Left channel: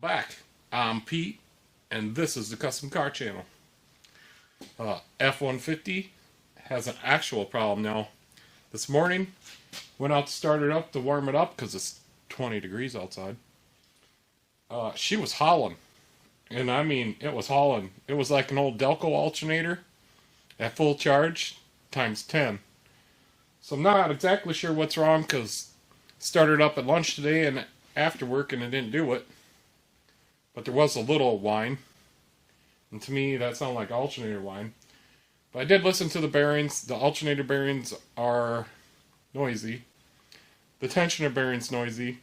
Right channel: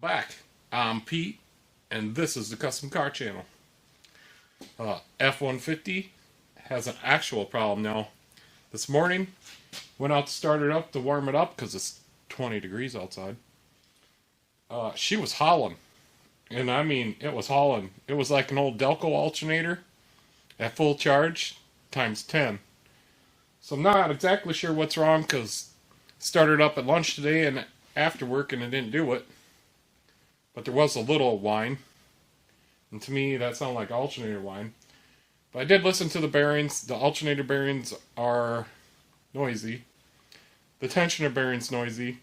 Back. I'm Pete, and this is the Custom Car Channel. F-150 has an actual problem now. This morning, went out to start it up to warm it up because it's 20 degrees outside. She was howling, and I mean, it was hauling. It was like an old Delco alternator at full charge times 10. So I'm not exactly sure what's wrong because it started up at lunch today and after work and it didn't do it. But there was a little whine, and to me that sounded like alternator whine. But I did listen to the bearings. The alternator bearings are noisy. The tensioner bearing's noisy.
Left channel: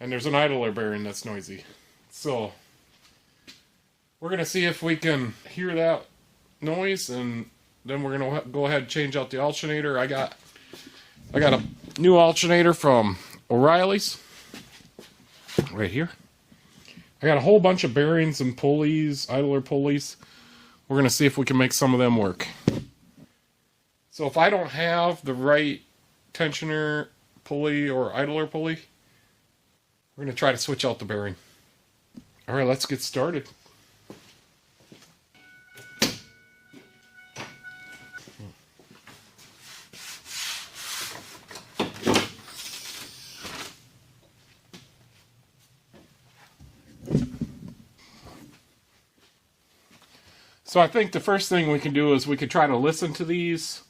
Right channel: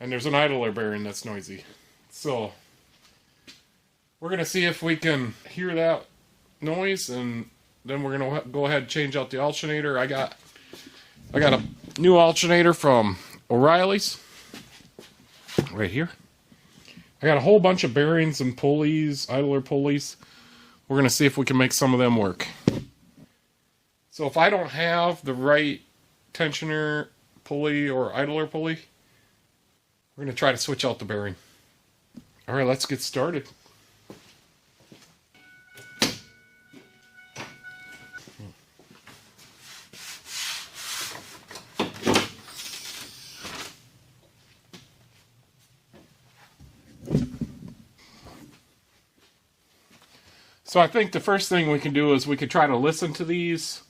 And there's an idler bearing that's noisy. So we're going to see if we can hear that noise, and then we're going to go ahead and change out the alternator. I got a new alternator from O'Reilly's right here. I got a whole bunch of bearings and pulleys, idler pulleys. We're going to see if we can make some of them work. So if I don't have the right tensioner pulley or idler pulley, we're going to try to switch out the bearing. Alright, let's get started. So I think the first thing we can do is we could try to listen to these,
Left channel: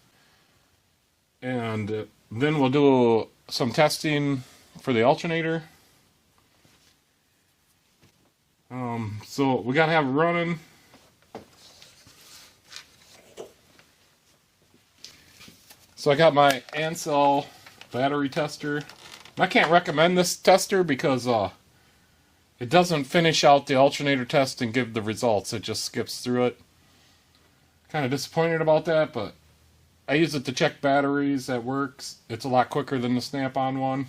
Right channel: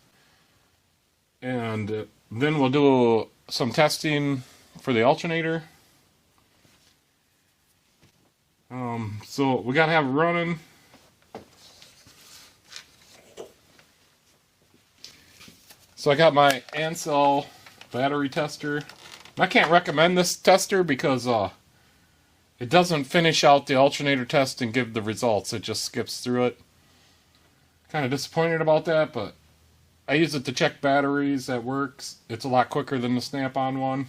and then we'll do some testing for the alternator. So we gotta have it running. So I got my Ansel battery tester. I can't recommend this tester because it doesn't finish out the alternator test and give the results. It just skips through it. Kind of disappointed about that, but I use it to check batteries at work. It's a lot quicker than the snap-on one.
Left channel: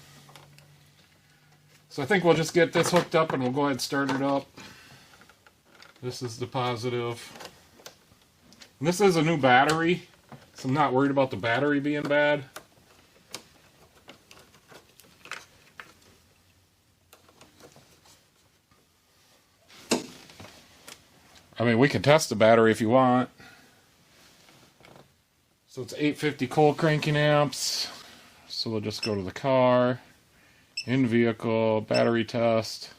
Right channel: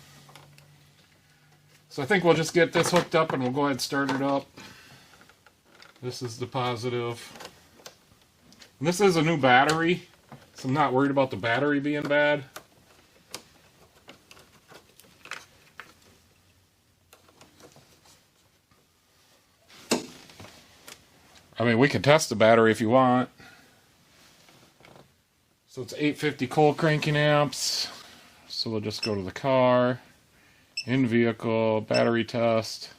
So I think we'll just get this hooked up and we'll go ahead and start it up. This is the positive. And this is a new battery, so I'm not worried about the battery being bad. I mean, we can test the battery if you want. So it's 850 cold cranking amps. So we'll just go to the car, in vehicle, battery test,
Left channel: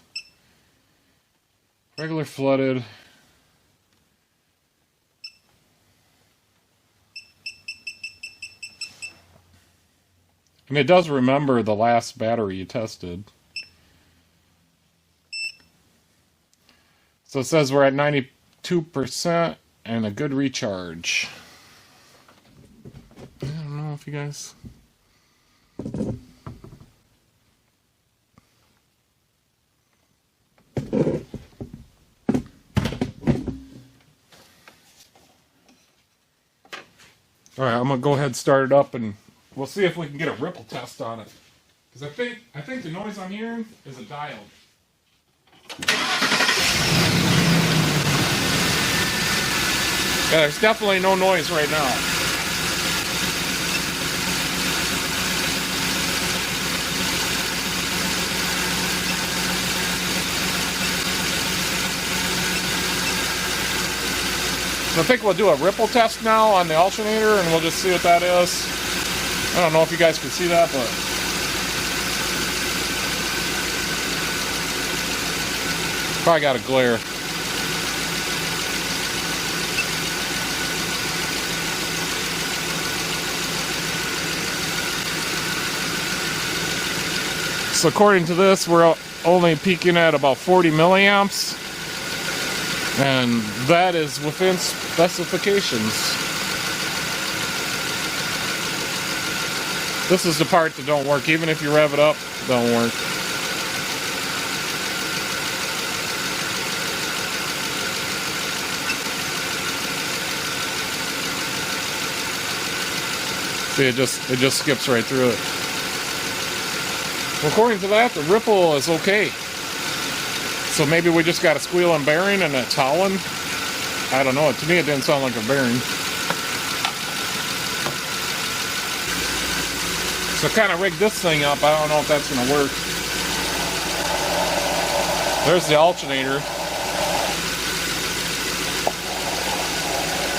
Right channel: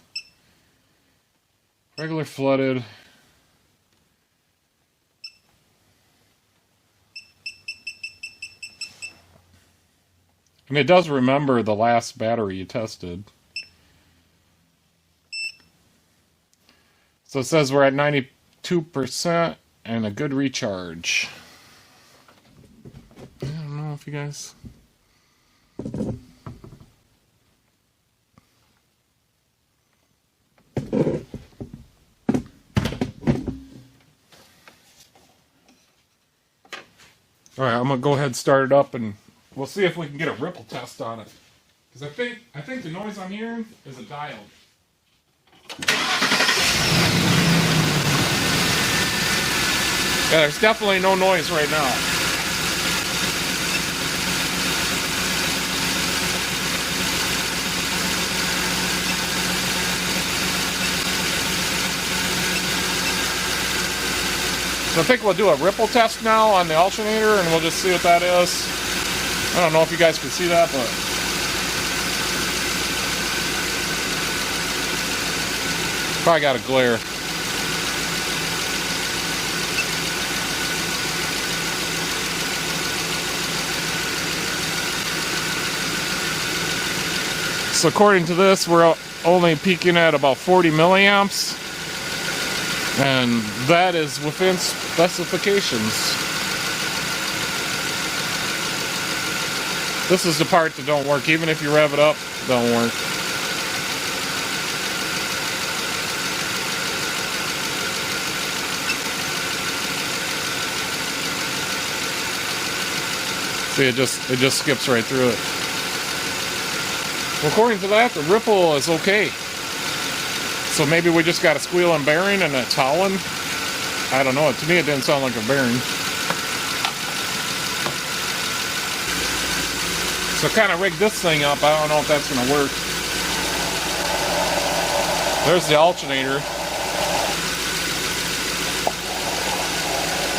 regular flooded. And it does remember the last battery you tested. So it says we're at 92% and a good recharge. I don't know if you guys... Alright, I'm going to go ahead and start it up and we'll see if we can get a ripple test on it. Because I think the noise I'm hearing is a dial. Yeah, there's definitely no noise right now. So I think we'll do a ripple test now on the alternator and we'll just see what that is. I don't know if you guys can see that, but probably got a glare. So according to this, we're only peaking at about 40 milliamps. And that is within specifications. This is the part that don't work. Even if you rev it up, it don't work. See, it just skips right through it. Well, according to that, the ripple is okay. So maybe we just got a squealing bearing and it's howling. I don't know. To me, it didn't sound like a bearing. So kind of rigged this thing up. I don't know if that's going to work. There's the alternator.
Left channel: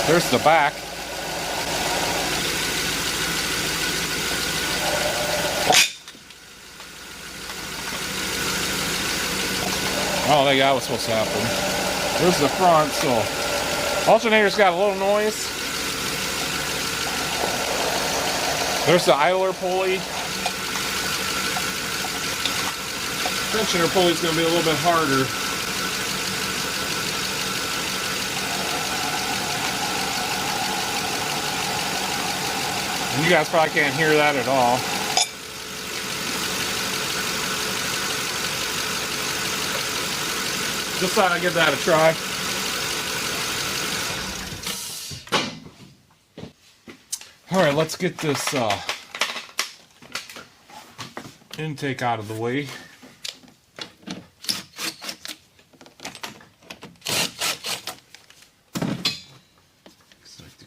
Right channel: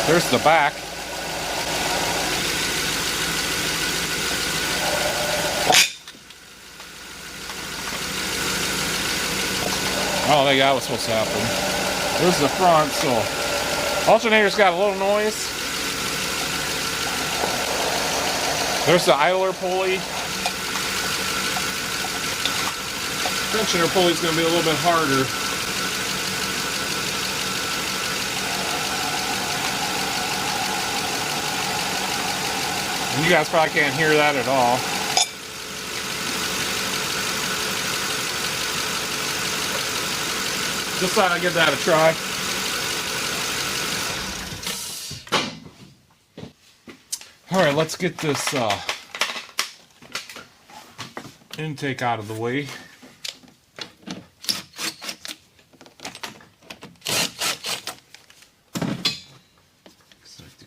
There's the back. Oh, that was supposed to happen. There's the front, so alternator's got a little noise. There's the idler pulley. Tensioner pulley's going to be a little bit harder. And you guys probably can't hear that at all. Just thought I'd give that a try. Alright, let's get this intake out of the way.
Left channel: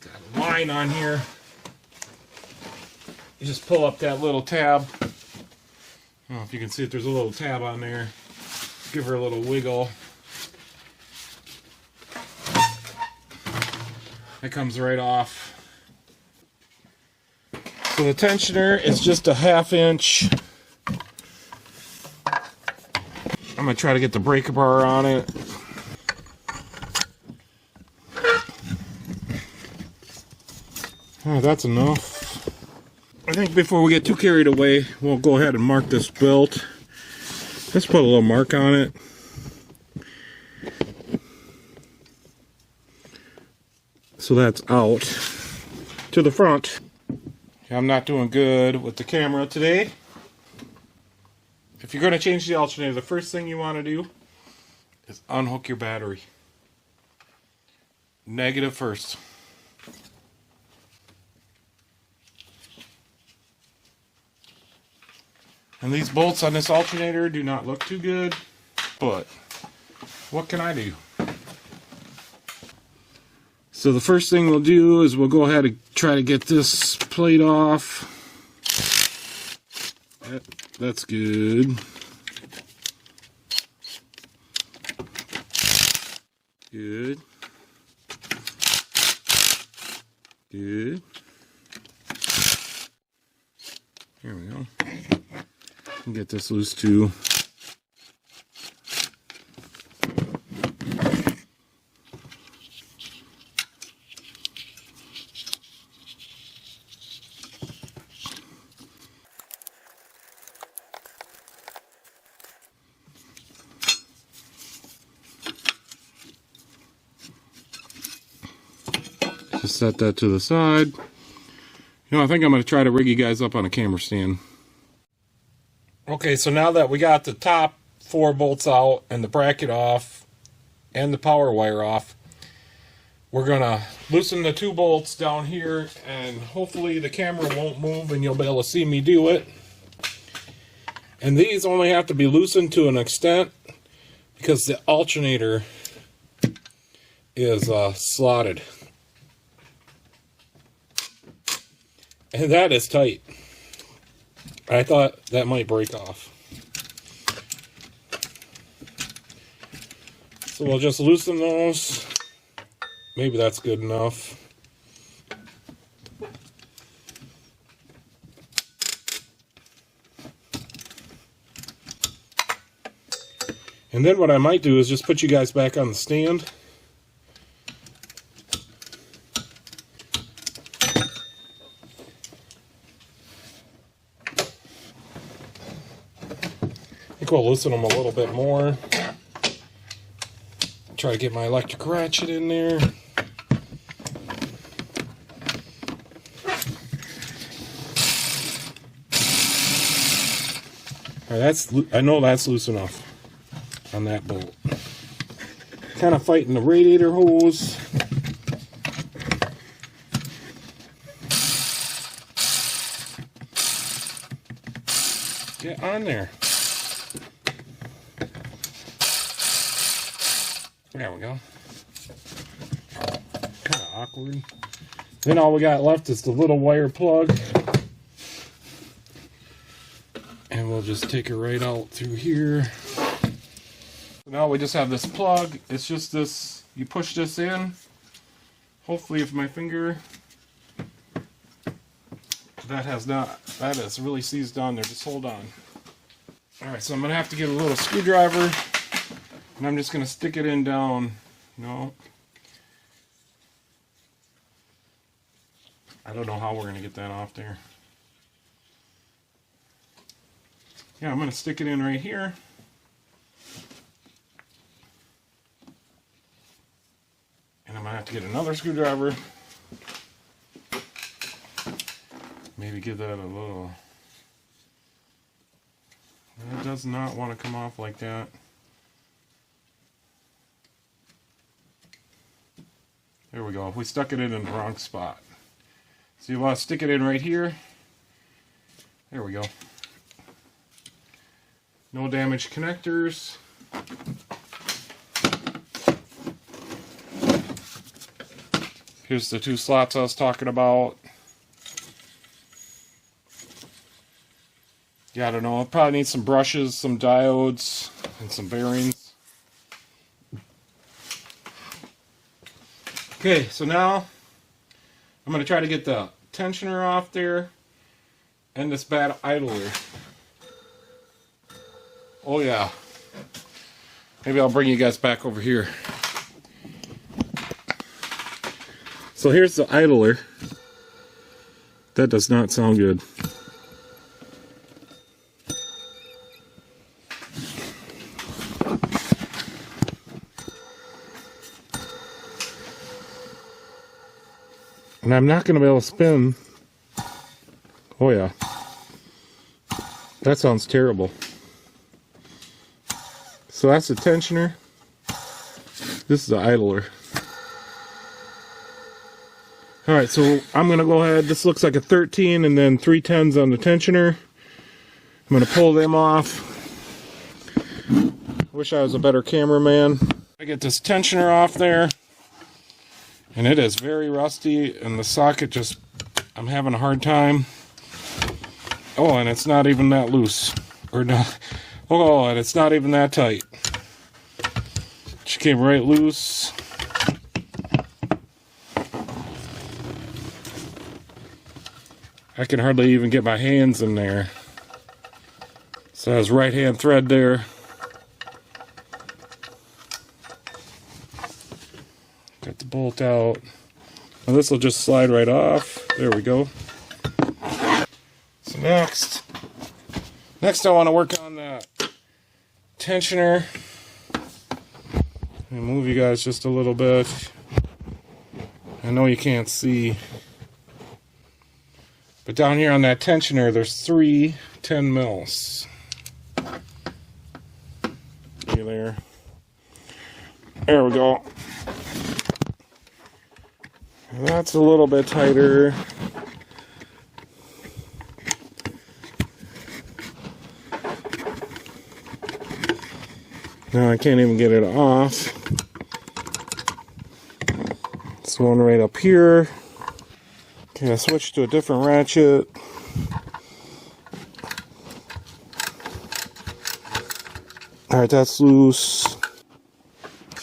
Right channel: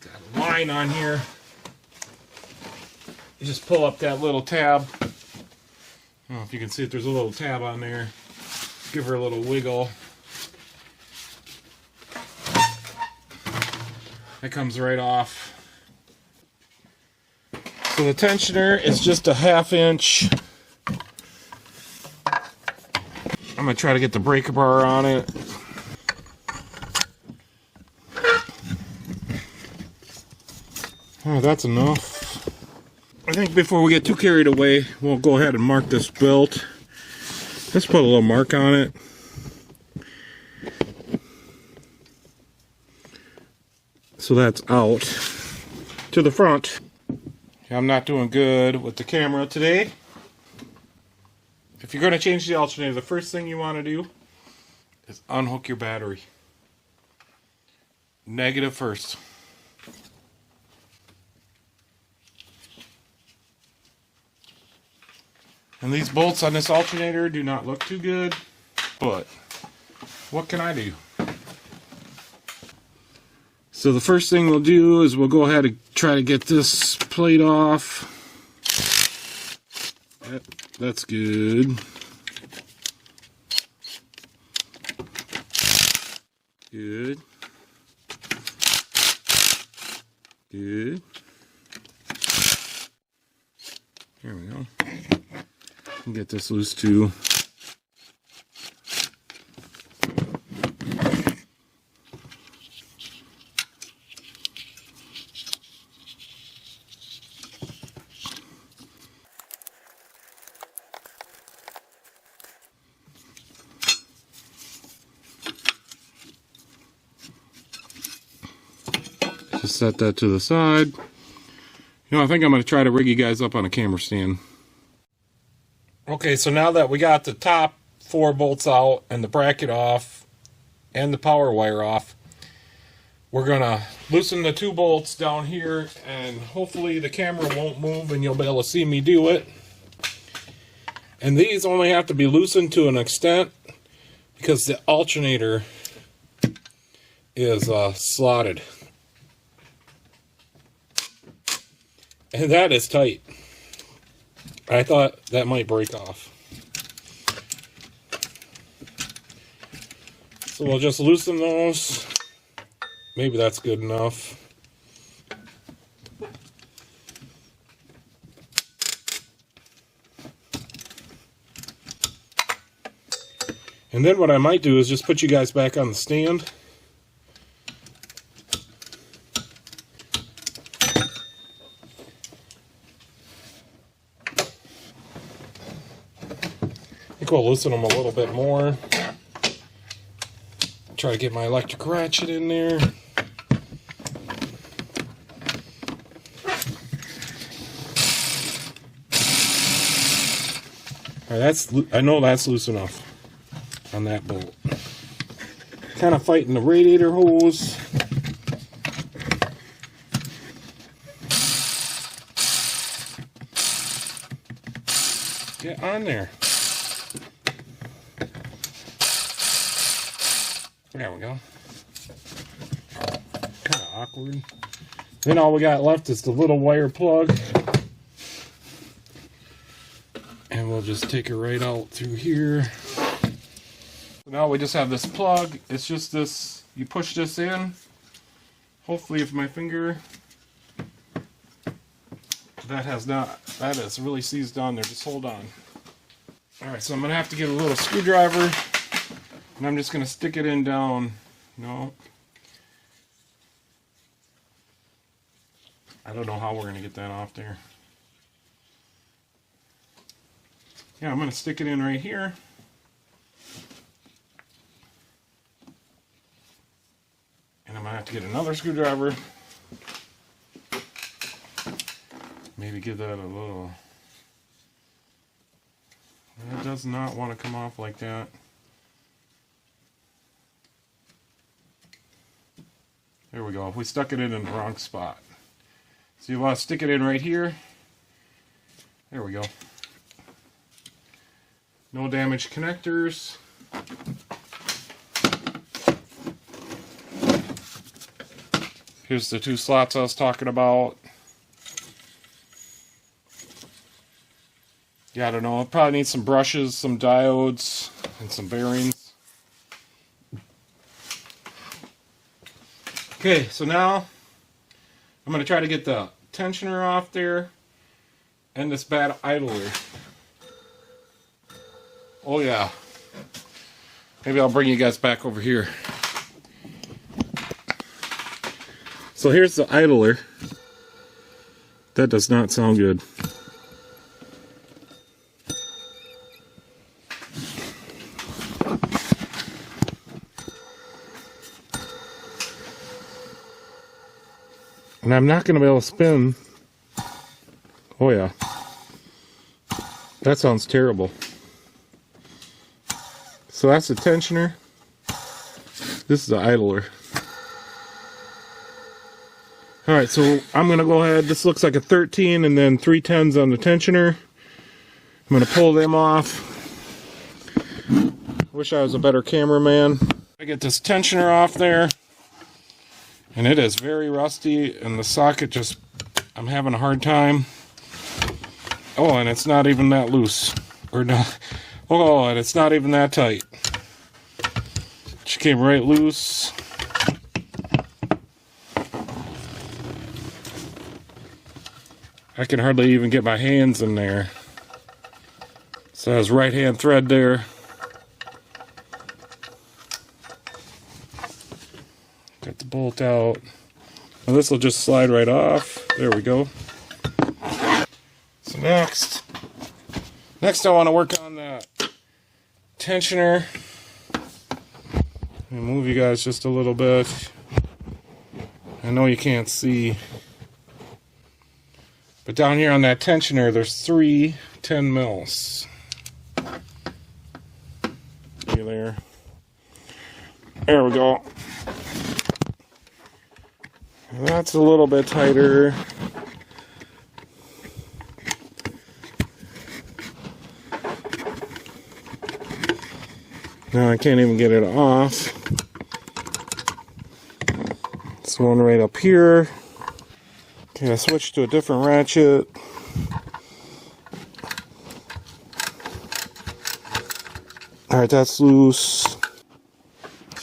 Got a line on here. You just pull up that little tab. I don't know if you can see it, there's a little tab on there. Give her a little wiggle. That comes right off. So the tensioner is just a 1/2 inch. I'm going to try to get the breaker bar on it. Oh, that's enough. I think before we get too carried away, we'll go ahead and mark this belt. Let's put a little mark on it. So that's out to the front. I'm not doing good with the camera today. If you're going to change the alternator, the first thing you want to do is unhook your battery. Negative first. And these bolts on this alternator do not look too good, but what can I do? So the first thing we'll do is we'll go ahead and try to get this plate off. That's good. Good. Good. There we go. Get this loose too. Just set that to the side. You know, I think I'm going to try to rig you guys up on a camera stand. Okay, so now that we got the top 4 bolts out and the bracket off and the power wire off, we're going to loosen the 2 bolts down here, and hopefully the camera won't move and you'll be able to see me do it. And these only have to be loosened to an extent because the alternator is slotted. And that is tight. I thought that might break off. So we'll just loosen those. Maybe that's good enough. And then what I might do is just put you guys back on the stand. I think we'll loosen them a little bit more. Try to get my electric ratchet in there. Alright, I know that's loose enough on that bolt. Kind of fighting the radiator hose. Get on there. There we go. Kind of awkward. Then all we got left is the little wire plug. And we'll just take it right out through here. now we just have this plug. It's just this, you push this in. Hopefully if my finger, that is really seized on there. Just hold on. Alright, so I'm going to have to get a little screwdriver. And I'm just going to stick it in down. No. I don't know how we're going to get that off there. Yeah, I'm going to stick it in right here. And I'm going to have to get another screwdriver. Maybe give that a little... It does not want to come off like that. There we go. We stuck it in the wrong spot. So you want to stick it in right here. There we go. No damaged connectors. Here's the two slots I was talking about. Yeah, I don't know. I'll probably need some brushes, some diodes, and some bearings. Okay, so now I'm going to try to get the tensioner off there and this bad idler. Oh yeah. Maybe I'll bring you guys back over here. So here's the idler. That does not sound good. And I'm not going to be able to spin. Oh yeah. That sounds terrible. So that's the tensioner. This is the idler. Alright, so I'm going to go ahead. This looks like a 13 and then 3 10s on the tensioner. I'm going to pull them off. Wish I was a better cameraman. I get this tensioner off there. And it is very rusty, and the socket just, I'm having a hard time. Oh, and it's not even that loose. Or not. Oh, and it's not even that tight. She came right loose. I can hardly even get my hands in there. So there's right hand thread there. Got the bolt out. Now this will just slide right off. There we go. So next I want to work on the tensioner. And move you guys just a little bit. I know you can't see. But down here on that tensioner, there's 3 10 mils. See there. There we go. That's a little bit tighter. Now I can't even get it off. This one right up here. Okay, I switched to a different ratchet. Alright, that's loose.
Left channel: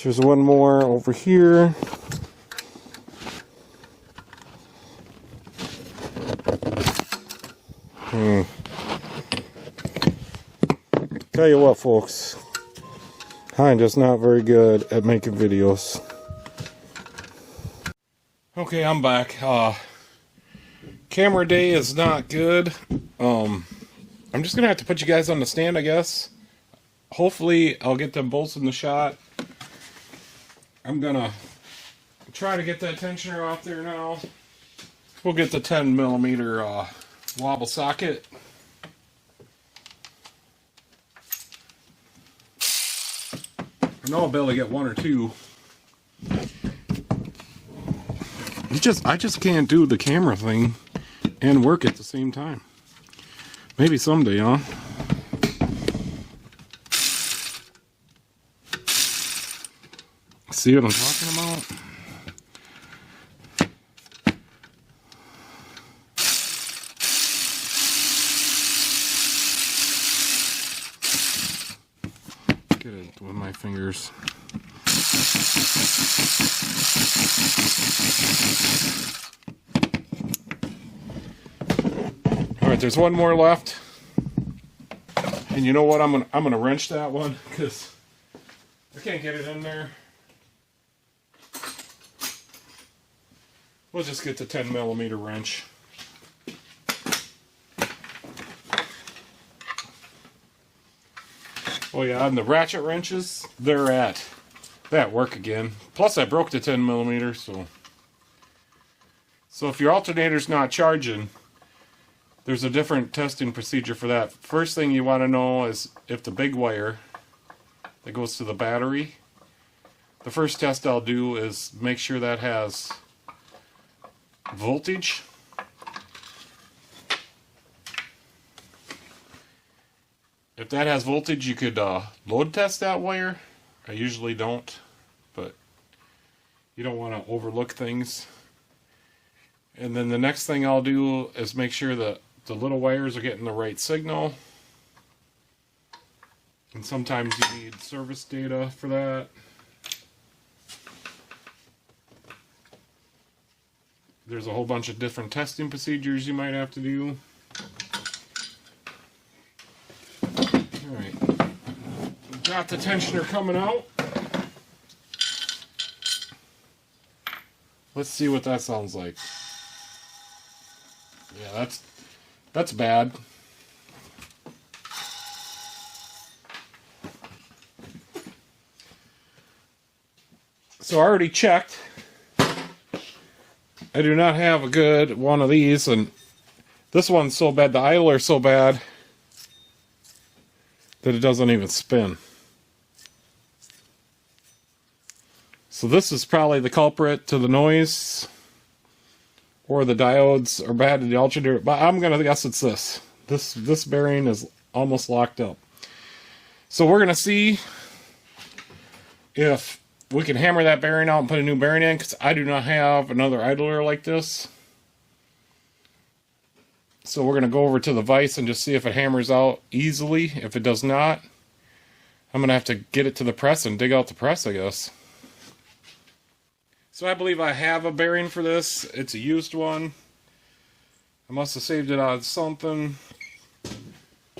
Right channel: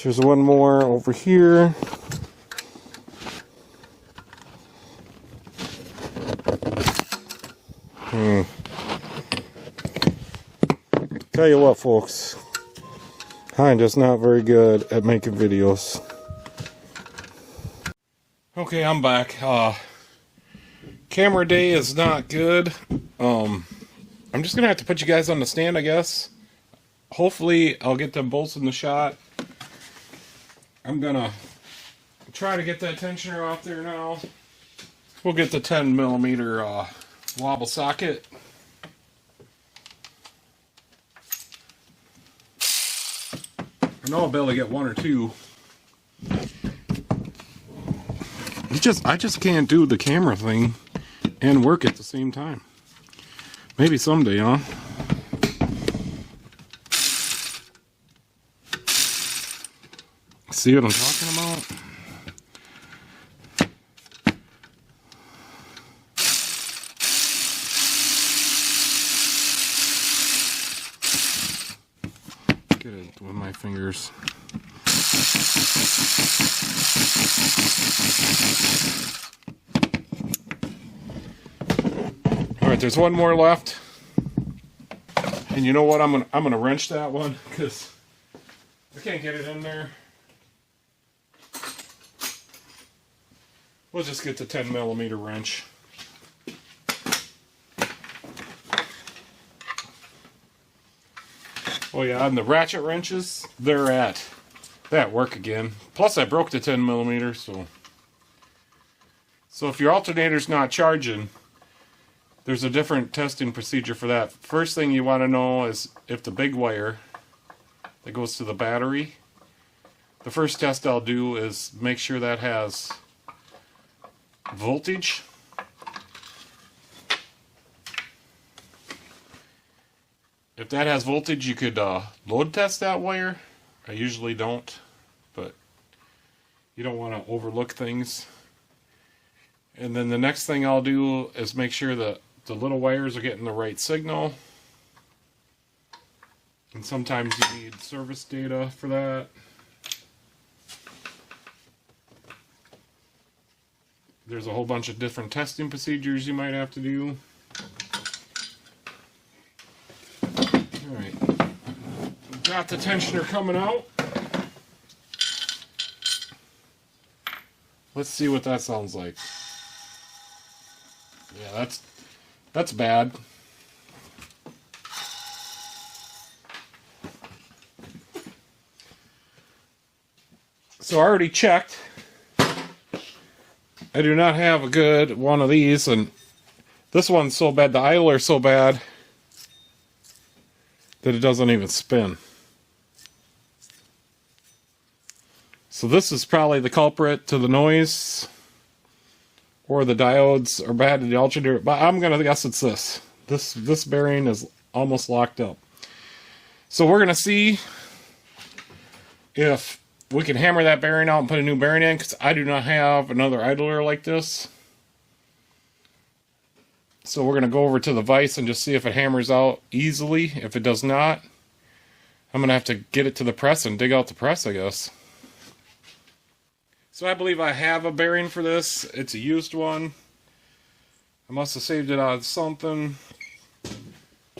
There's one more over here. Tell you what, folks, I'm just not very good at making videos. Okay, I'm back. Camera day is not good. I'm just gonna have to put you guys on the stand, I guess. Hopefully, I'll get them bolts in the shot. I'm gonna try to get that tensioner off there now. We'll get the 10 millimeter wobble socket. I know I'll be able to get 1 or 2. I just can't do the camera thing and work at the same time. Maybe someday, huh? See what I'm talking about? Get it with my fingers. Alright, there's one more left. And you know what? I'm gonna wrench that one because I can't get it in there. We'll just get the 10mm wrench. Oh yeah, and the ratchet wrenches, they're at work again. Plus I broke the 10mm, so if your alternator's not charging, there's a different testing procedure for that. First thing you want to know is if the big wire that goes to the battery, the first test I'll do is make sure that has voltage. If that has voltage, you could load test that wire. I usually don't, but you don't want to overlook things. And then the next thing I'll do is make sure that the little wires are getting the right signal. And sometimes you need service data for that. There's a whole bunch of different testing procedures you might have to do. Alright, got the tensioner coming out. Let's see what that sounds like. Yeah, that's bad. So I already checked. I do not have a good one of these, and this one's so bad, the idler's so bad that it doesn't even spin. So this is probably the culprit to the noise, or the diodes are bad to the alternator, but I'm going to guess it's this. This bearing is almost locked up. So we're going to see if we can hammer that bearing out and put a new bearing in, because I do not have another idler like this. So we're going to go over to the vise and just see if it hammers out easily. If it does not, I'm going to have to get it to the press and dig out the press, I guess. So I believe I have a bearing for this. It's a used one. I must have saved it on something.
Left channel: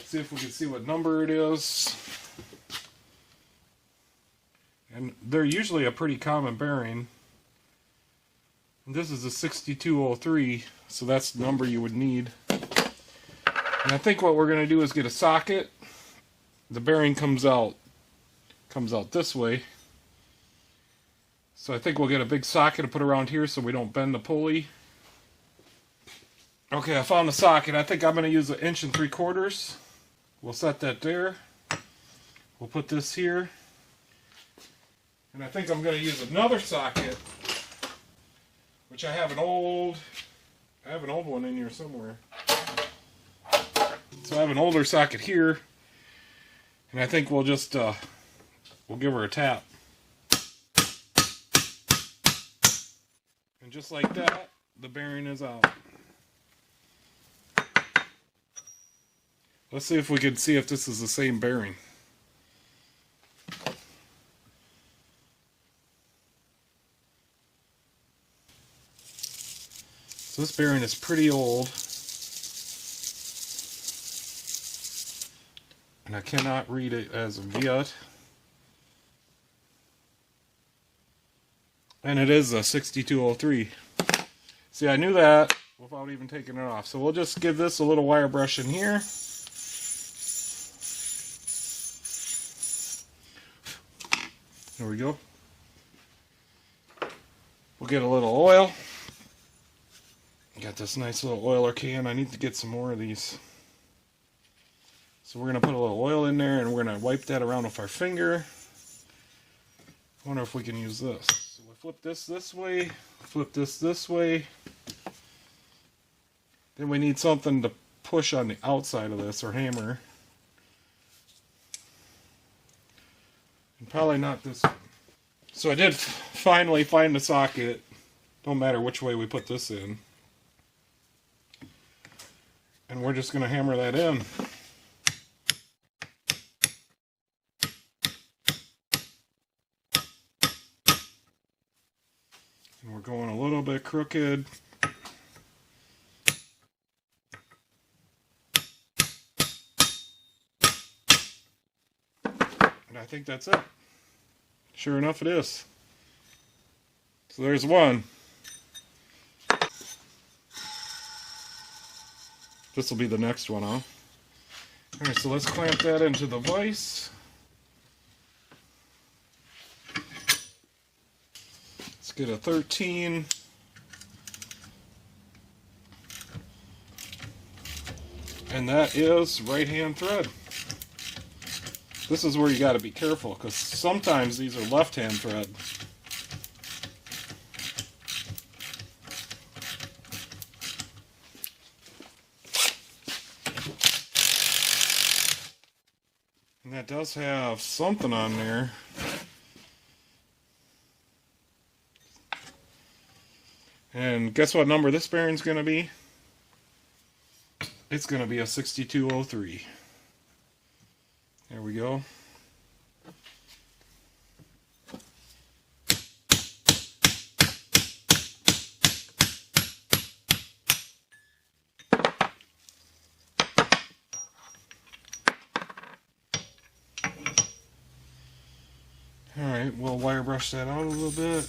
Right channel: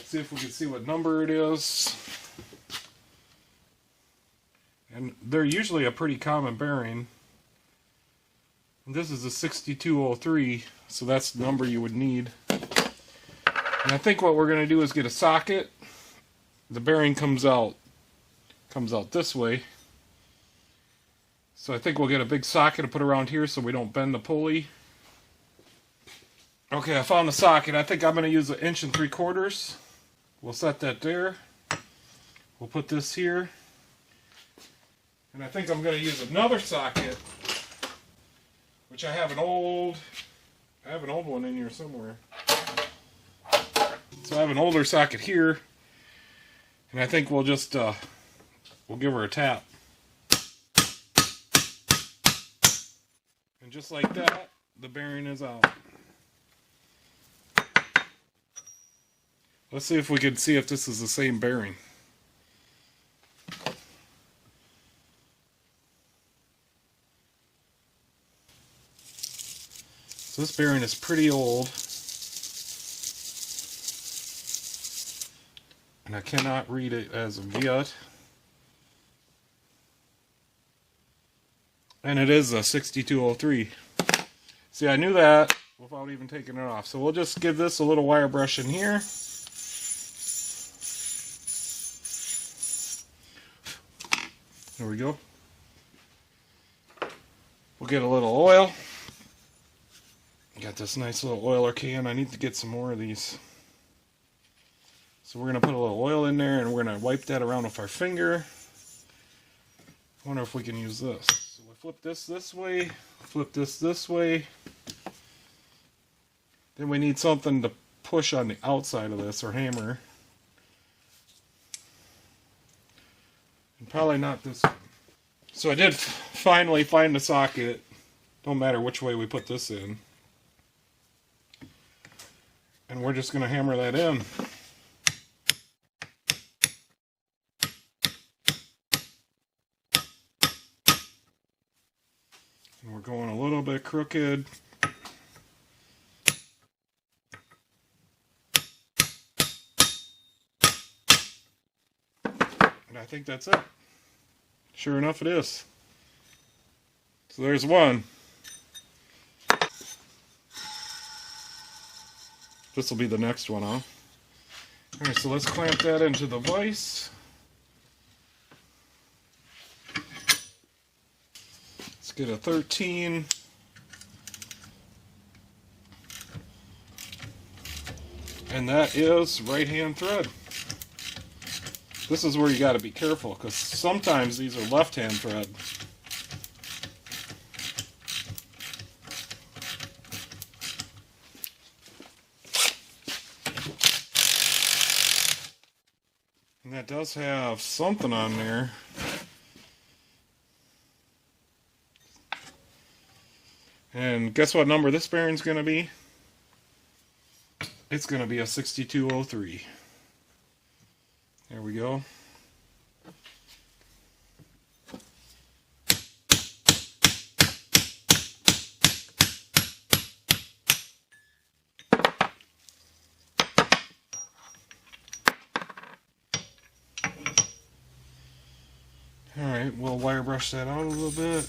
See if we can see what number it is. And they're usually a pretty common bearing. And this is a 6203, so that's the number you would need. And I think what we're going to do is get a socket. The bearing comes out this way. So I think we'll get a big socket to put around here so we don't bend the pulley. Okay, I found the socket. I think I'm going to use 1 3/4 inches. We'll set that there. We'll put this here. And I think I'm going to use another socket, which I have an old one in here somewhere. So I have an older socket here, and I think we'll just we'll give her a tap. And just like that, the bearing is out. Let's see if we can see if this is the same bearing. So this bearing is pretty old, and I cannot read it as of yet. And it is a 6203. See, I knew that without even taking it off. So we'll just give this a little wire brush in here. There we go. We'll get a little oil. Got this nice little oiler can. I need to get some more of these. So we're going to put a little oil in there, and we're going to wipe that around with our finger. I wonder if we can use this. So we'll flip this way, flip this way. Then we need something to push on the outside of this, or hammer. And probably not this one. So I did finally find the socket. Don't matter which way we put this in. And we're just going to hammer that in. We're going a little bit crooked. And I think that's it. Sure enough, it is. So there's one. This will be the next one off. Alright, so let's clamp that into the vise. Let's get a 13. And that is right hand thread. This is where you got to be careful, because sometimes these are left hand thread. And that does have something on there. And guess what number this bearing's going to be? It's going to be a 6203. There we go. Alright, we'll wire brush that out a little bit.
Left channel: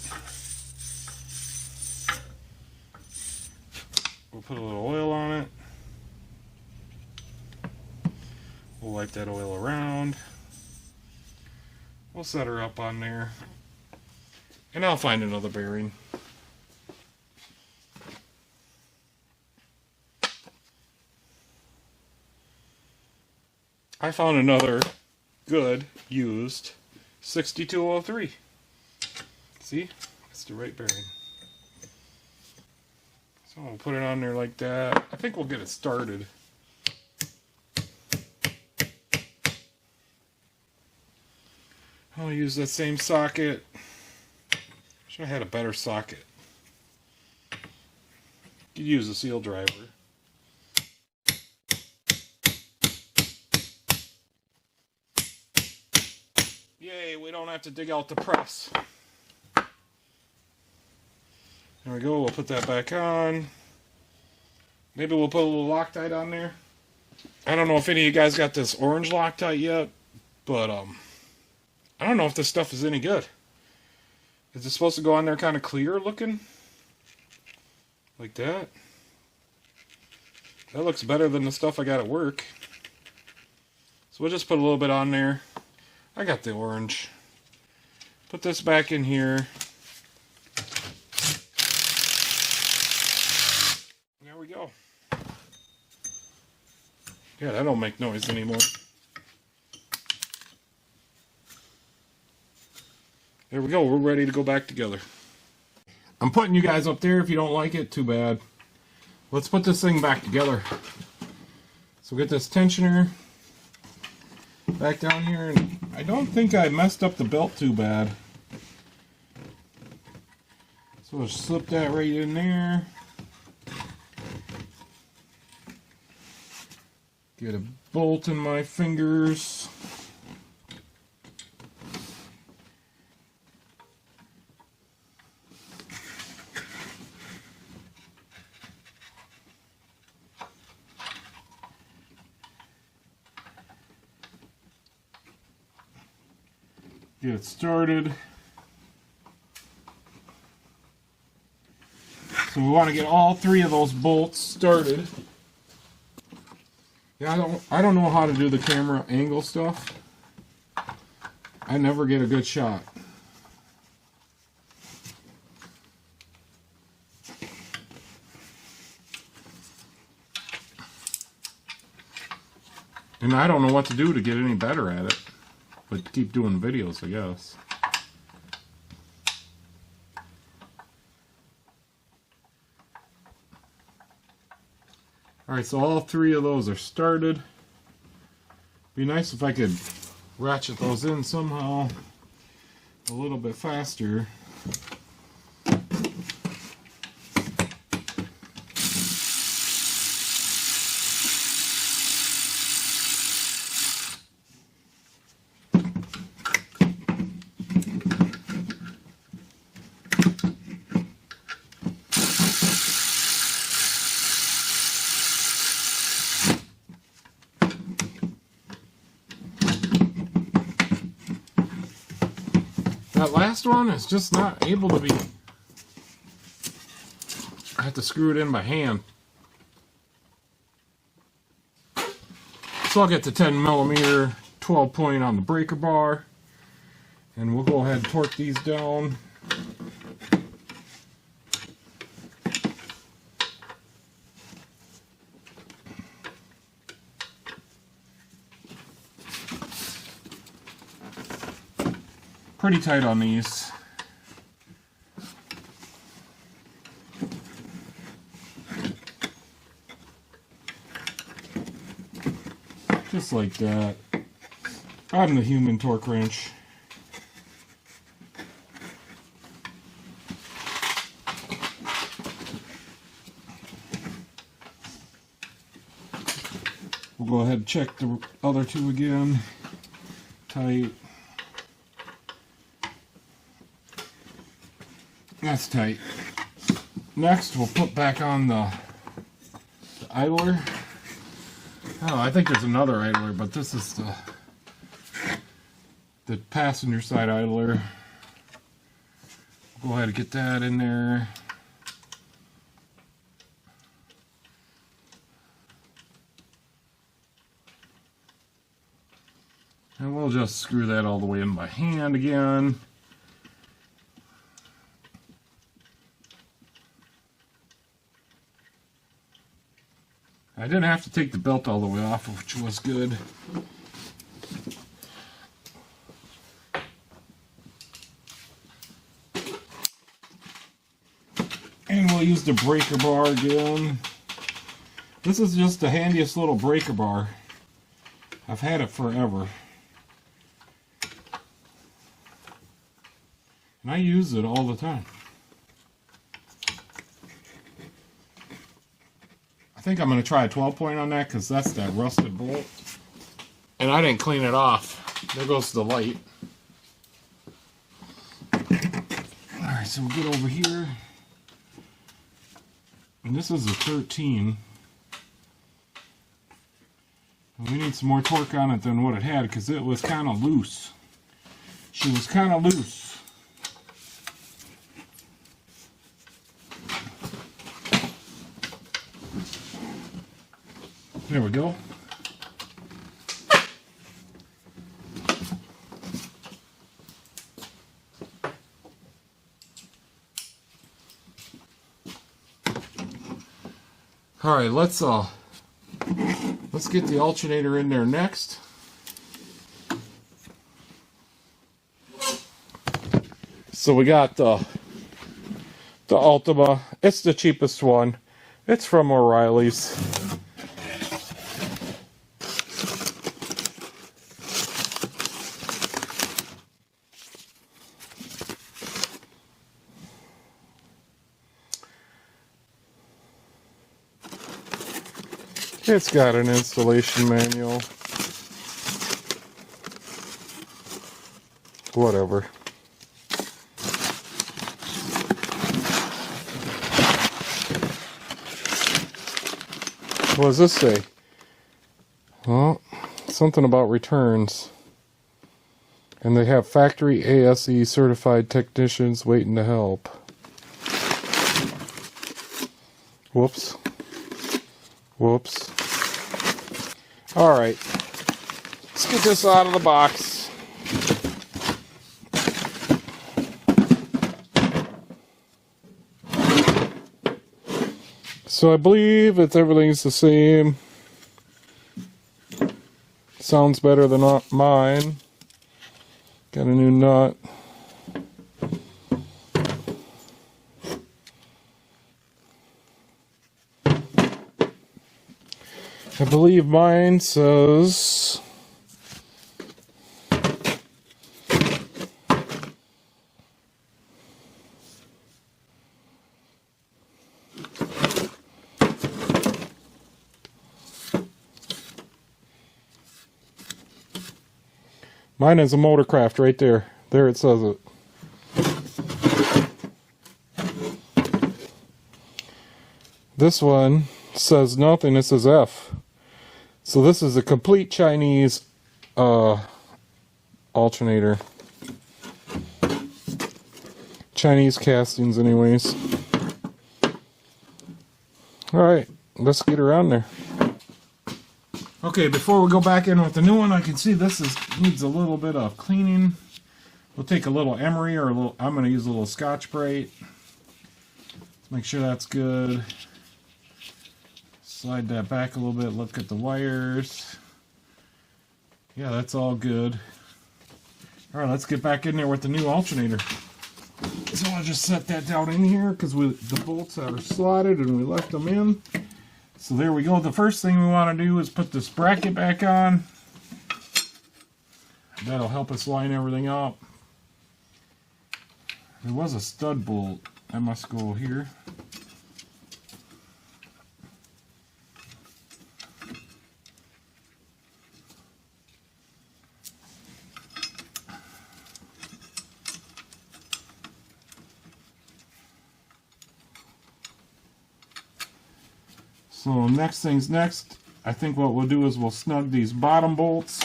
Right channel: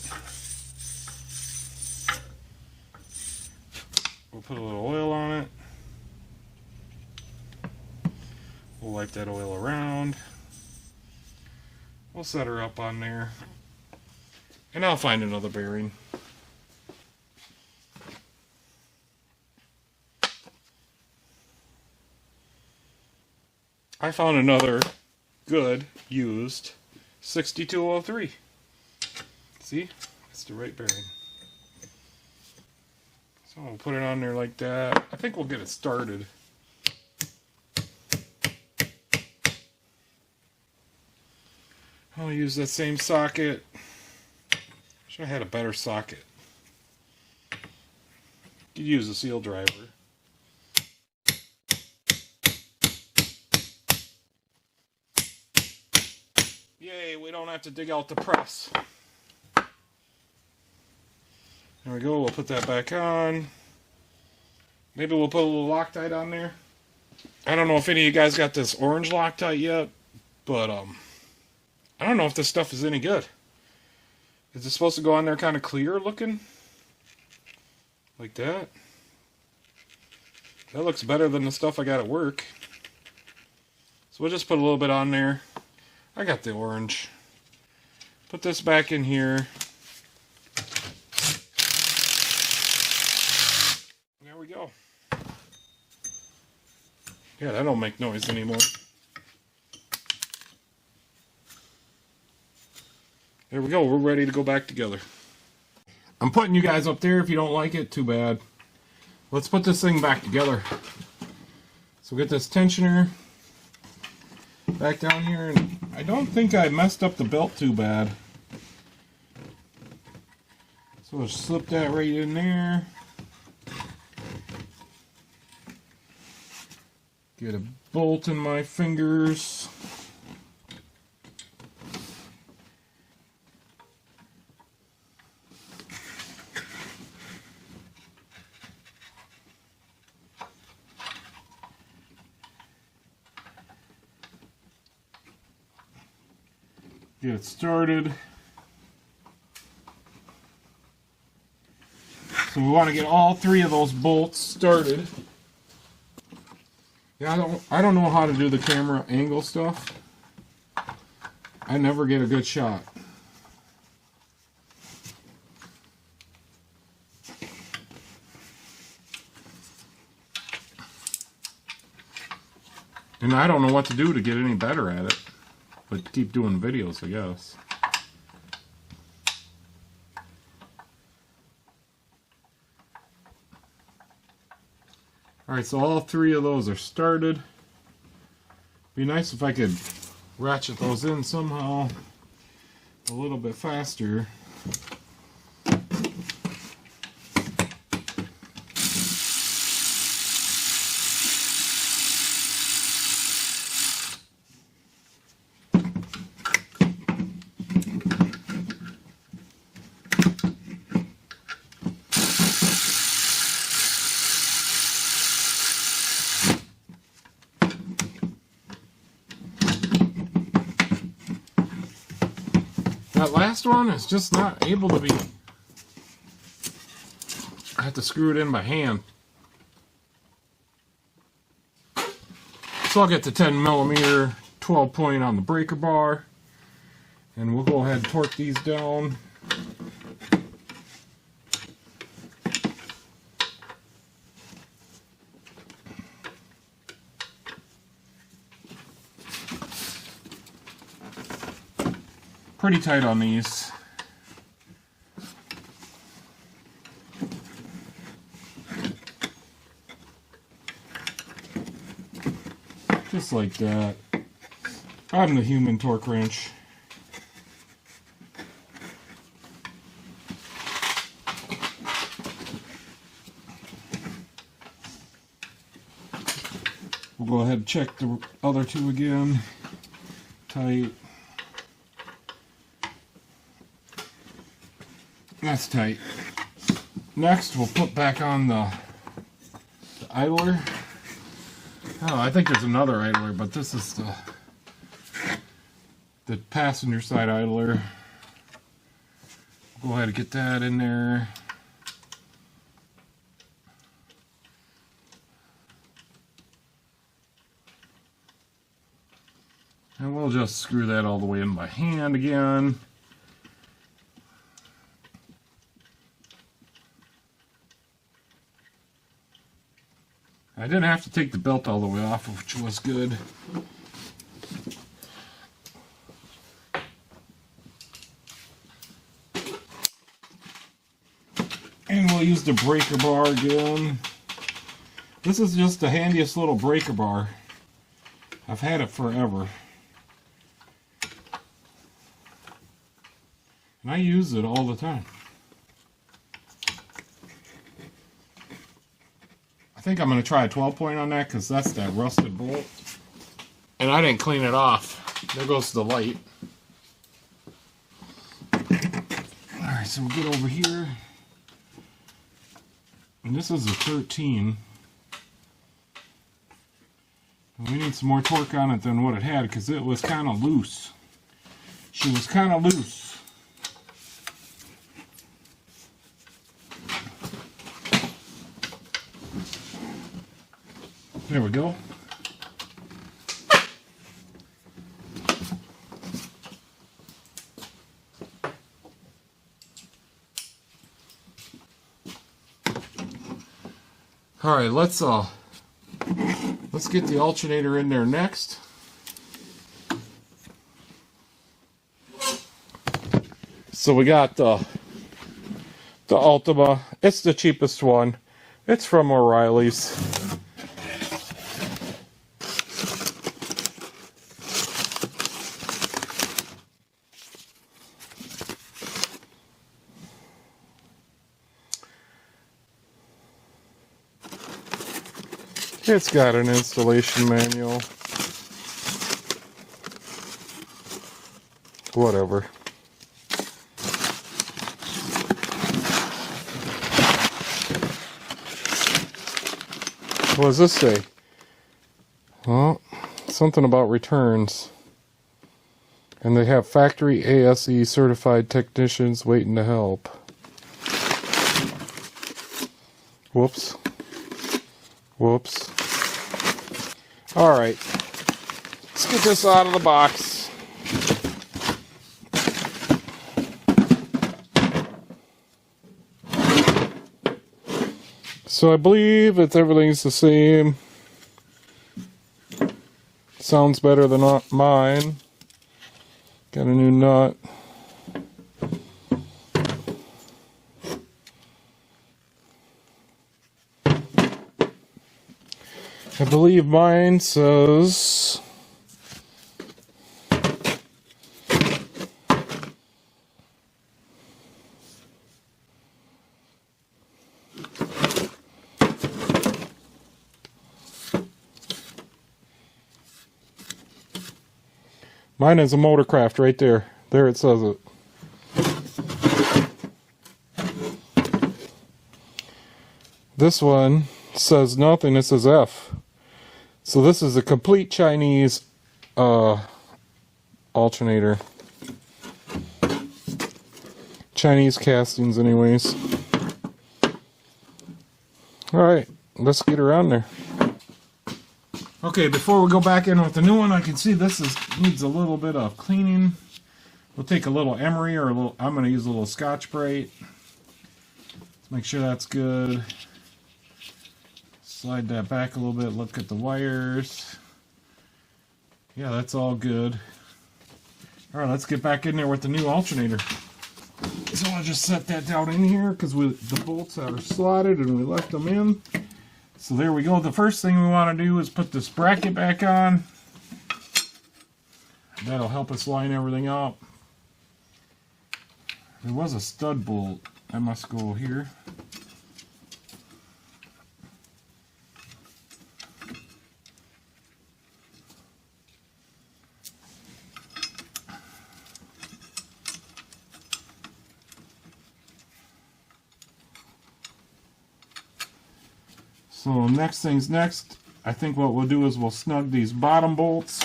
We'll put a little oil on it. We'll wipe that oil around. We'll set her up on there. And I'll find another bearing. I found another good, used 6203. See? It's the right bearing. So we'll put it on there like that. I think we'll get it started. I'll use that same socket. Should have had a better socket. Could use a seal driver. Yay, we don't have to dig out the press. There we go, we'll put that back on. Maybe we'll put a little Loctite on there. I don't know if any of you guys got this orange Loctite yet, but I don't know if this stuff is any good. Is it supposed to go on there kind of clear looking? Like that? That looks better than the stuff I got at work. So we'll just put a little bit on there. I got the orange. Put this back in here. There we go. Yeah, that don't make noise anymore. There we go, we're ready to go back together. I'm putting you guys up there. If you don't like it, too bad. Let's put this thing back together. So get this tensioner back down here. And I don't think I messed up the belt too bad. So we'll slip that right in there. Get a bolt in my fingers. Get it started. So we want to get all three of those bolts started. Yeah, I don't know how to do the camera angle stuff. I never get a good shot. And I don't know what to do to get any better at it. But keep doing videos, I guess. Alright, so all three of those are started. Be nice if I could ratchet those in somehow a little bit faster. That last one is just not able to be... I have to screw it in by hand. So I'll get the 10mm 12 point on the breaker bar, and we'll go ahead and torque these down. Pretty tight on these. Just like that. On the human torque wrench. We'll go ahead and check the other two again. Tight. That's tight. Next, we'll put back on the idler. Oh, I think there's another idler, but this is the passenger side idler. Go ahead and get that in there. And we'll just screw that all the way in by hand again. I didn't have to take the belt all the way off, which was good. And we'll use the breaker bar again. This is just the handiest little breaker bar. I've had it forever. And I use it all the time. I think I'm going to try a 12 point on that because that's that rusted bolt. And I didn't clean it off. There goes the light. Alright, so we'll get over here. And this is a 13. And we need some more torque on it than what it had because it was kind of loose. She was kind of loose. There we go. All right, let's get the alternator in there next. So we got the Ultima. It's the cheapest one. It's from O'Reilly's. It's got an installation manual. Whatever. What does this say? Well, something about returns. And they have factory ASE certified technicians waiting to help. Whoops. Whoops. Alright. Let's get this out of the box. So I believe everything's the same. Sounds better than mine. Got a new nut. I believe mine says mine is a Motorcraft right there. There it says it. This one says nothing, it says F. So this is a complete Chinese alternator. Chinese castings anyways. Alright, let's get her on there. Okay, before we go back in with the new one, I can see this needs a little bit of cleaning. We'll take a little emery or I'm going to use a little Scotch-Brite. Make sure that's good. Slide that back a little bit, look at the wires. Yeah, that's all good. Alright, let's get back in there with the new alternator. So I'll just set that down in here because the bolts are slotted and we left them in. So there we go. The first thing we want to do is put this bracket back on. That'll help us line everything up. There was a stud bolt. That must go here. So next thing's next. I think what we'll do is we'll snug these bottom bolts.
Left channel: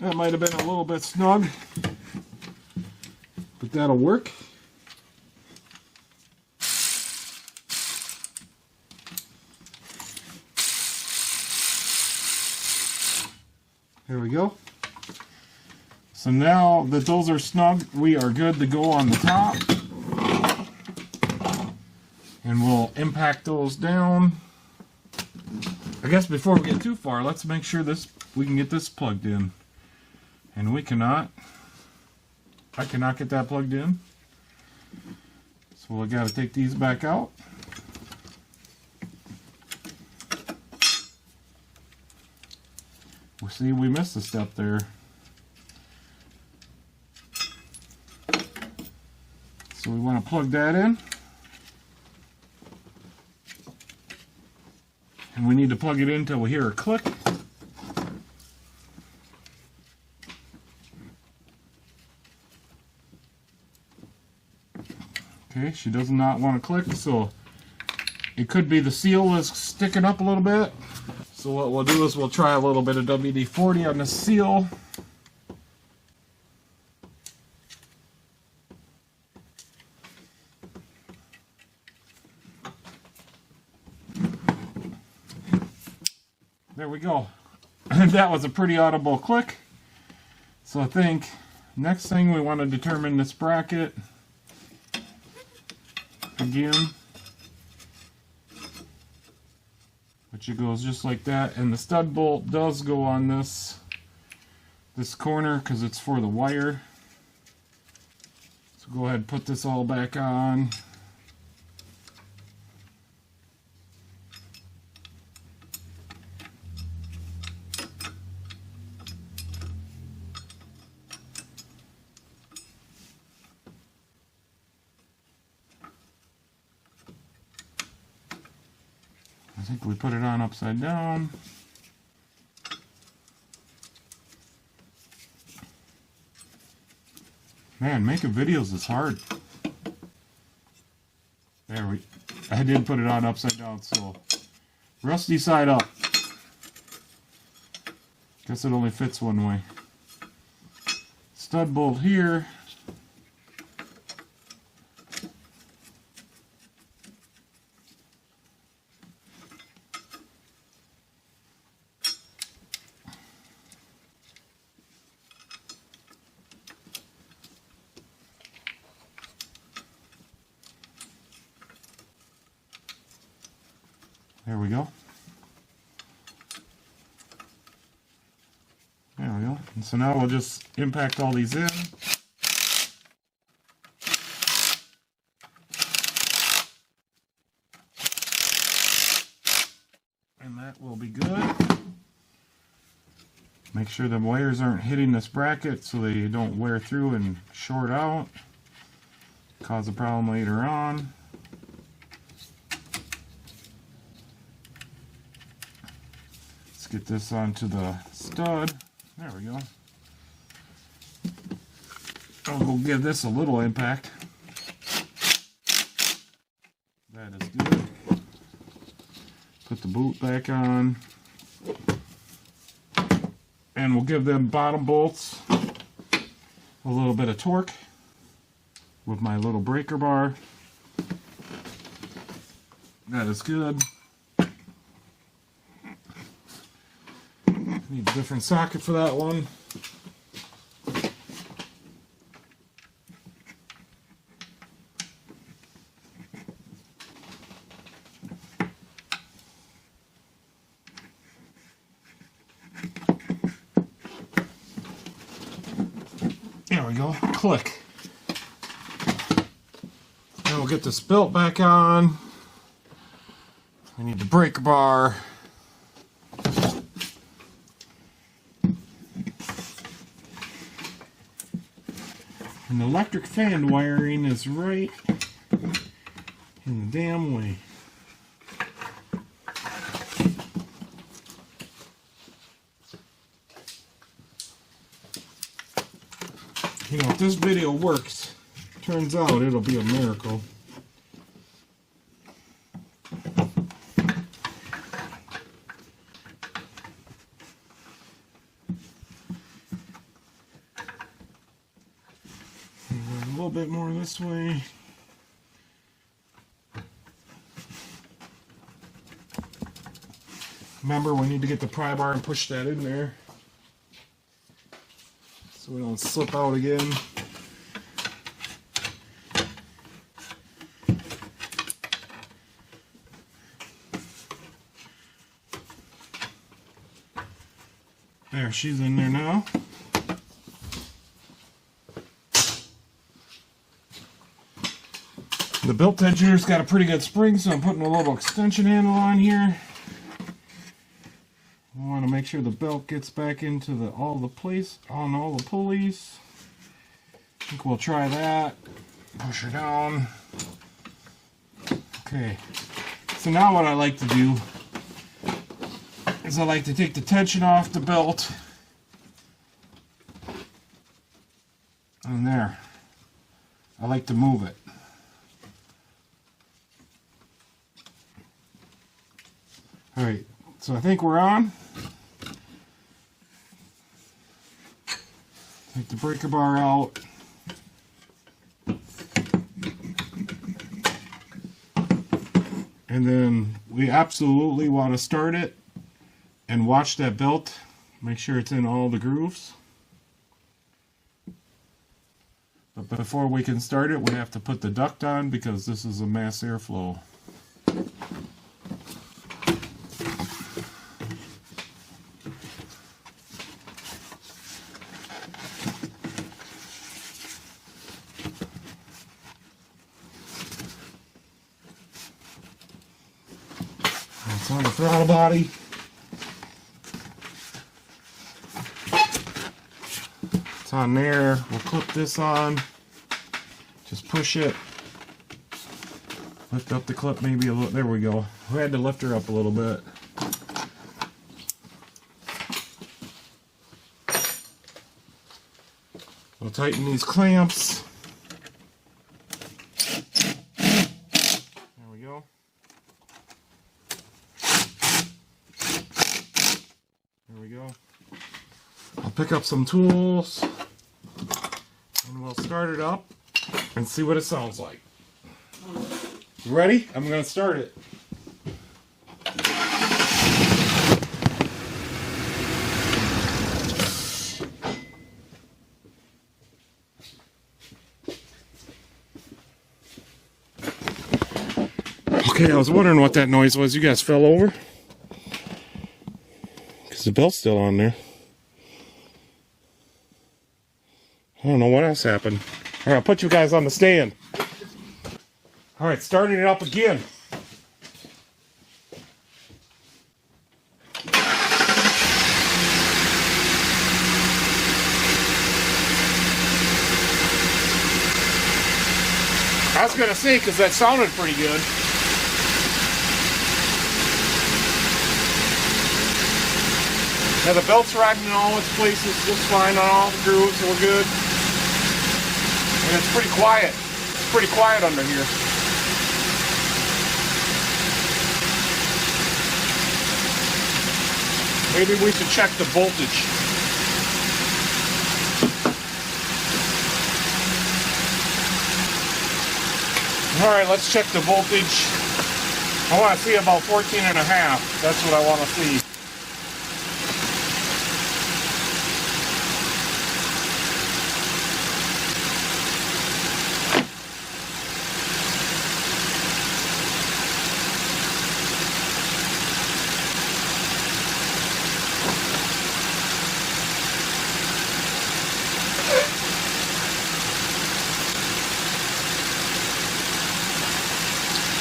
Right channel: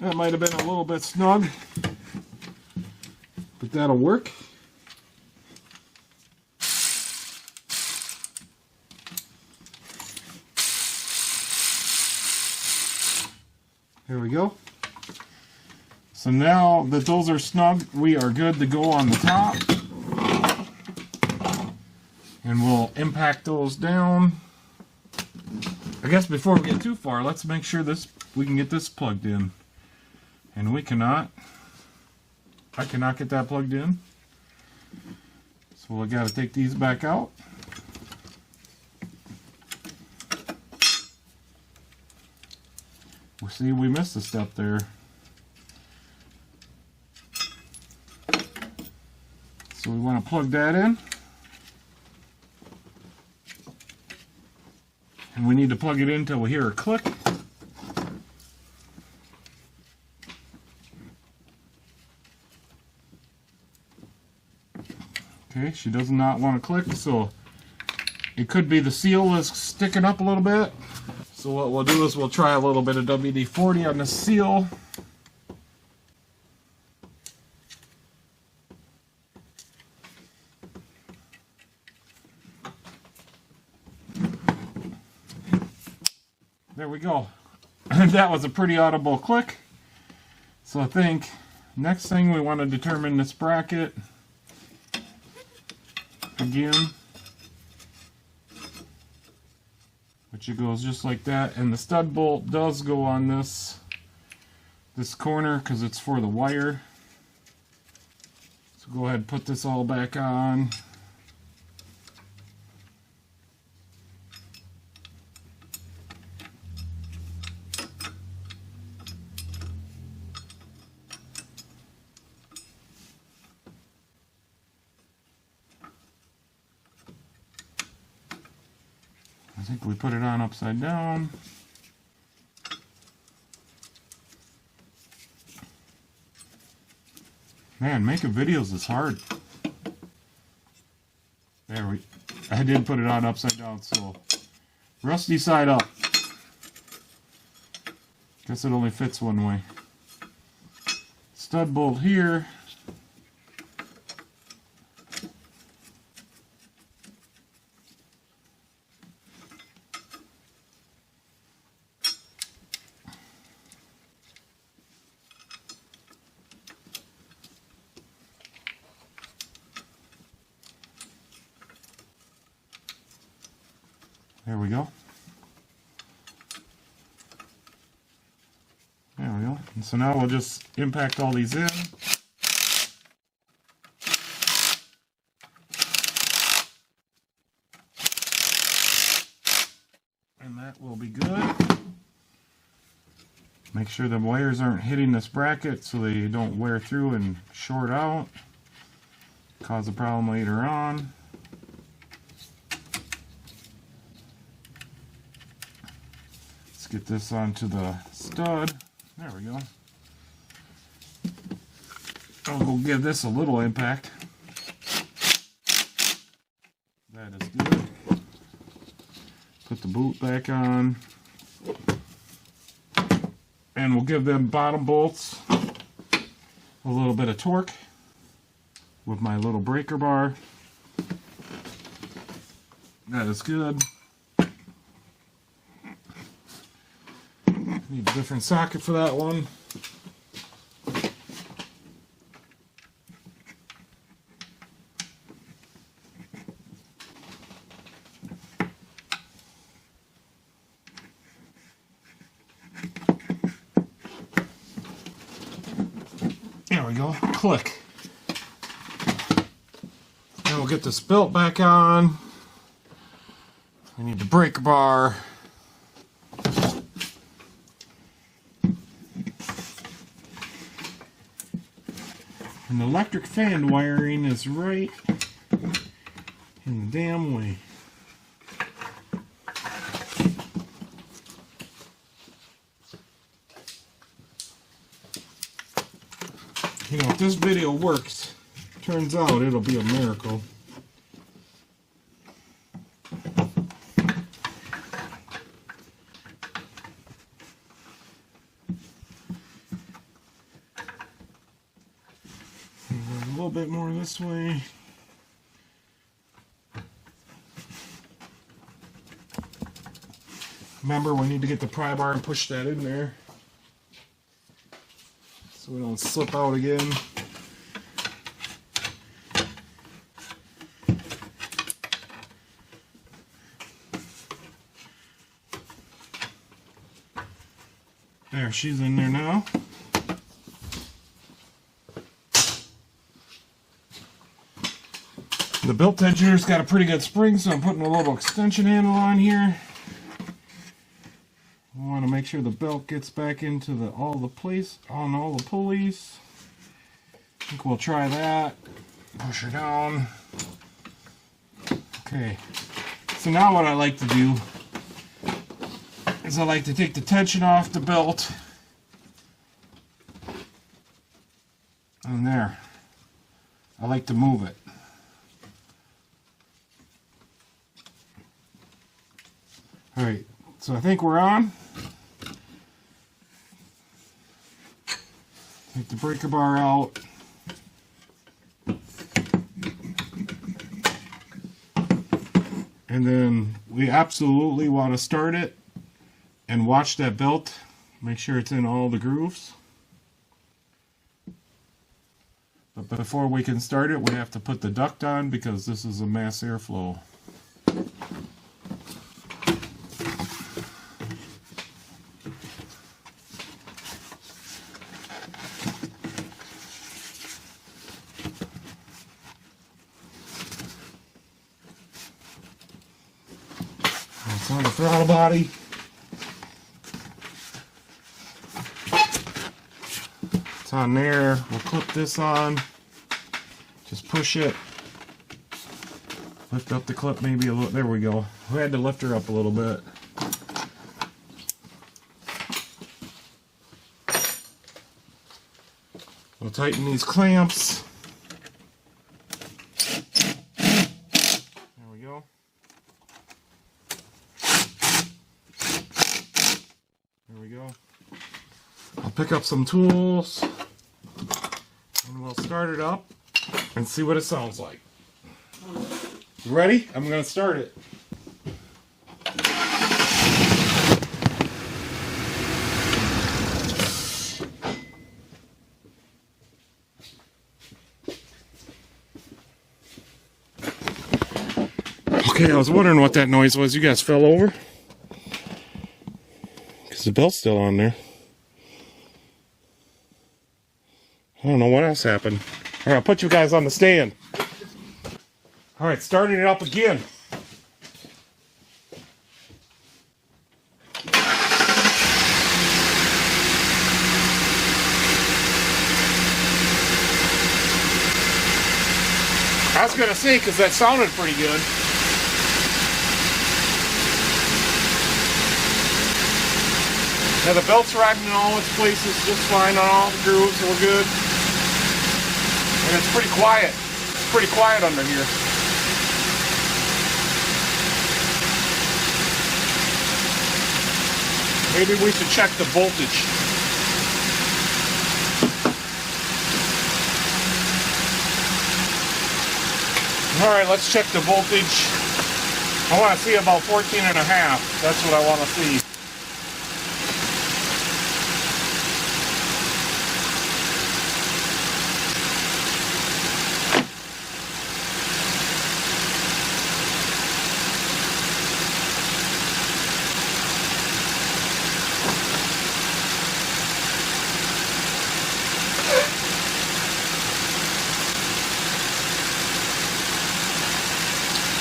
That might have been a little bit snug, but that'll work. There we go. So now that those are snug, we are good to go on the top. And we'll impact those down. I guess before we get too far, let's make sure we can get this plugged in. And we cannot. I cannot get that plugged in. So we got to take these back out. We'll see, we missed a step there. So we want to plug that in. And we need to plug it in until we hear a click. Okay, she does not want to click, so it could be the seal is sticking up a little bit. So what we'll do is we'll try a little bit of WD-40 on the seal. There we go. That was a pretty audible click. So I think next thing we want to determine this bracket again, which it goes just like that, and the stud bolt does go on this corner because it's for the wire. So go ahead and put this all back on. I think we put it on upside down. Man, making videos is hard. I did put it on upside down, so rusty side up. Guess it only fits one way. Stud bolt here. There we go. There we go. And so now we'll just impact all these in. And that will be good. Make sure the wires aren't hitting this bracket so they don't wear through and short out. Cause a problem later on. Get this onto the stud. There we go. I'll go give this a little impact. That is good. Put the boot back on. And we'll give them bottom bolts a little bit of torque with my little breaker bar. That is good. Need a different socket for that one. There we go. Click. Now we'll get this belt back on. We need the brake bar. And the electric fan wiring is right in the damn way. You know, if this video works, turns out it'll be a miracle. A little bit more this way. Remember, we need to get the pry bar and push that in there so we don't slip out again. There, she's in there now. The belt tensioner's got a pretty good spring, so I'm putting a little extension handle on here. I want to make sure the belt gets back into all the pulleys. I think we'll try that. Push her down. Okay. So now what I like to do is I like to take the tension off the belt. And there. I like to move it. Alright, so I think we're on. Take the breaker bar out. And then we absolutely want to start it and watch that belt. Make sure it's in all the grooves. But before we can start it, we have to put the duct on because this is a mass airflow. It's on the throttle body. It's on there. We'll clip this on. Just push it. Lift up the clip maybe a little. There we go. We had to lift her up a little bit. We'll tighten these clamps. There we go. There we go. I'll pick up some tools and we'll start it up and see what it sounds like. You ready? I'm going to start it. Okay, I was wondering what that noise was. You guys fell over? Because the belt's still on there. I don't know what else happened. Alright, I'll put you guys on the stand. Alright, starting it up again. I was going to say, because that sounded pretty good. Now the belt's riding in all its places just fine on all the grooves, so we're good. And it's pretty quiet. It's pretty quiet under here. maybe we should check the voltage. Alright, let's check the voltage. I want to see about 14.5. That's what I want to see.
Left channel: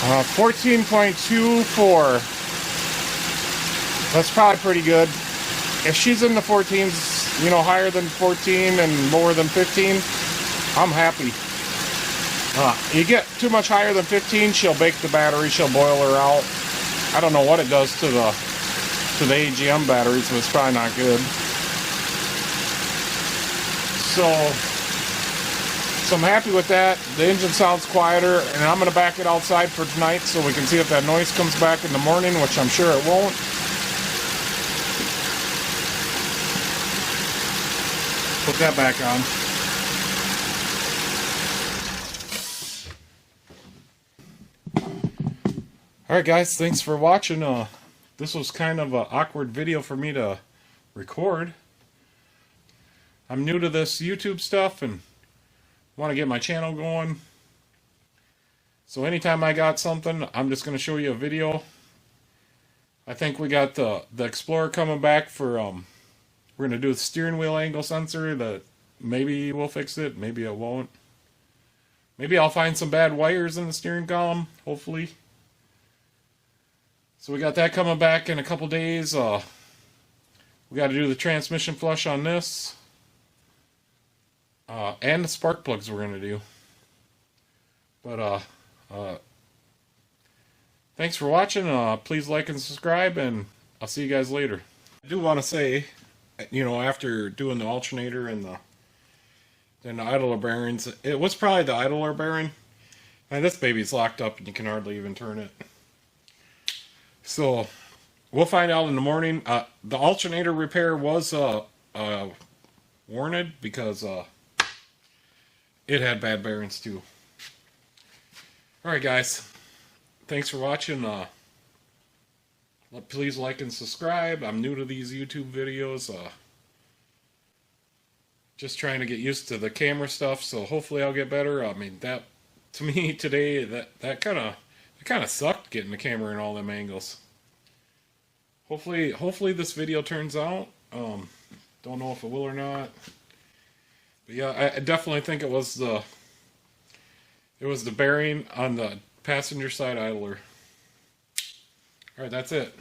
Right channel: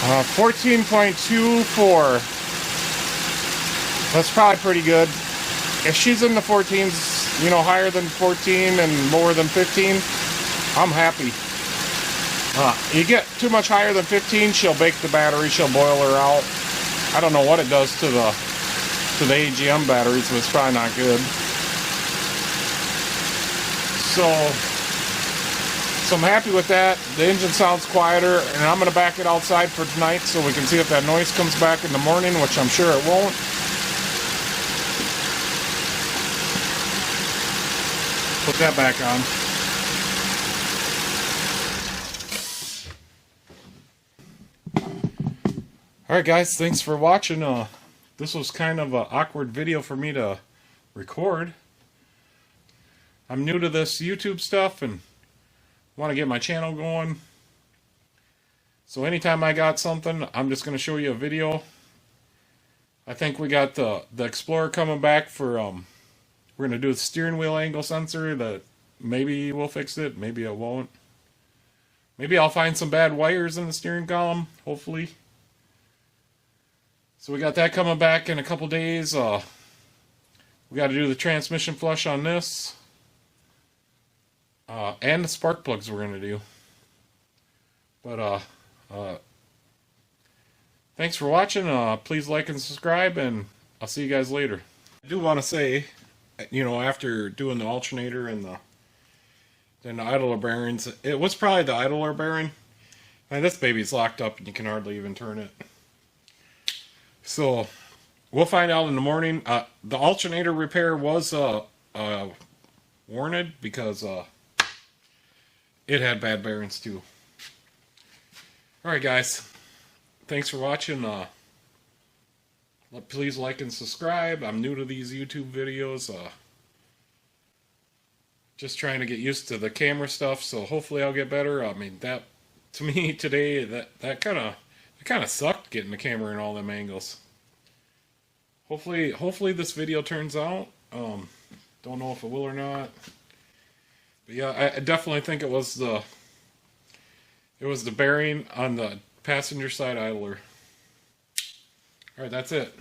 Uh, 14.24. That's probably pretty good. If she's in the 14s, you know, higher than 14 and more than 15, I'm happy. You get too much higher than 15, she'll bake the battery, she'll boil her out. I don't know what it does to the AGM batteries, but it's probably not good. So I'm happy with that. The engine sounds quieter, and I'm going to back it outside for tonight so we can see if that noise comes back in the morning, which I'm sure it won't. Put that back on. Alright guys, thanks for watching. This was kind of an awkward video for me to record. I'm new to this YouTube stuff and want to get my channel going. So anytime I got something, I'm just going to show you a video. I think we got the Explorer coming back for, we're going to do the steering wheel angle sensor that maybe we'll fix it, maybe it won't. Maybe I'll find some bad wires in the steering column, hopefully. So we got that coming back in a couple days. We got to do the transmission flush on this. And the spark plugs we're going to do. But, thanks for watching. Please like and subscribe, and I'll see you guys later. I do want to say, you know, after doing the alternator and the idler bearings, it was probably the idler bearing. And this baby's locked up and you can hardly even turn it. So, we'll find out in the morning. The alternator repair was warranted because it had bad bearings too. Alright guys, thanks for watching. Please like and subscribe. I'm new to these YouTube videos. Just trying to get used to the camera stuff, so hopefully I'll get better. I mean, that to me today, that kind of sucked, getting the camera in all them angles. Hopefully this video turns out. Don't know if it will or not. But yeah, I definitely think it was the bearing on the passenger side idler. Alright, that's it.